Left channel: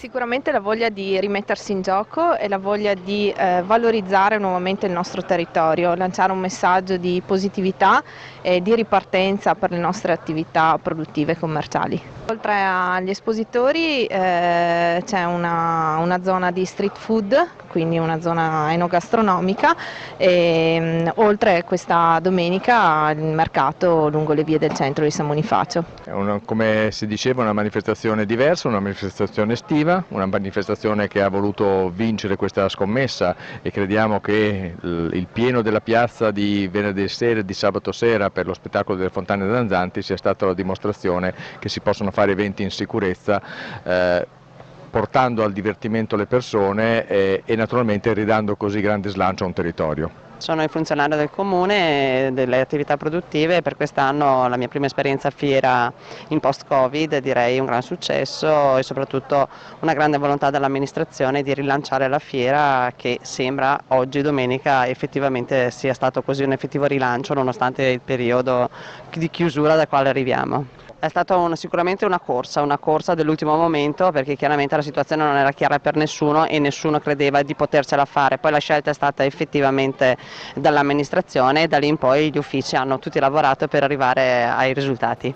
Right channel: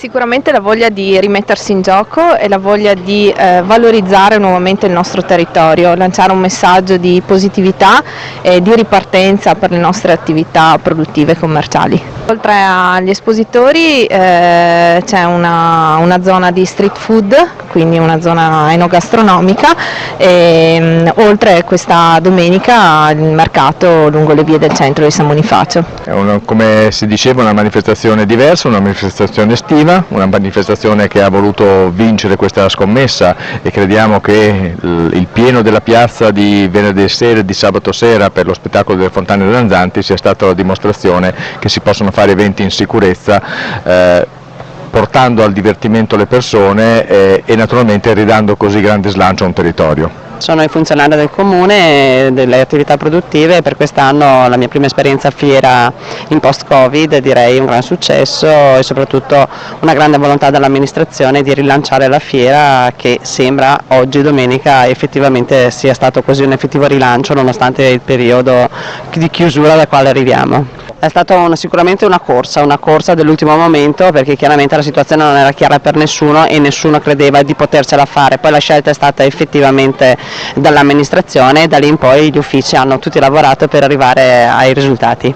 Sicuramente la voglia di rimettersi in gioco e la voglia di valorizzare nuovamente il nostro territorio, lanciare un messaggio di positività e di ripartenza per le nostre attività produttive e commerciali. Oltre agli espositori c'è una zona di street food, quindi una zona enogastronomica, e oltre questa domenica il mercato lungo le vie del centro di San Bonifacio. È come si diceva, una manifestazione diversa, una manifestazione estiva, una manifestazione che ha voluto vincere questa scommessa, e crediamo che il pieno della piazza di venerdì sera e di sabato sera per lo spettacolo delle fontane danzanti sia stata la dimostrazione che si possono fare eventi in sicurezza, portando al divertimento le persone e naturalmente ridando così grande slancio a un territorio. Sono il funzionario del comune, delle attività produttive, e per quest'anno la mia prima esperienza a fiera in post-Covid, direi un gran successo e soprattutto una grande volontà dell'amministrazione di rilanciare la fiera, che sembra oggi domenica effettivamente sia stato così un effettivo rilancio nonostante il periodo di chiusura dal quale arriviamo. È stata sicuramente una corsa dell'ultimo momento, perché chiaramente la situazione non era chiara per nessuno e nessuno credeva di potercela fare. Poi la scelta è stata effettivamente dall'amministrazione e da lì in poi gli uffici hanno tutti lavorato per arrivare ai risultati.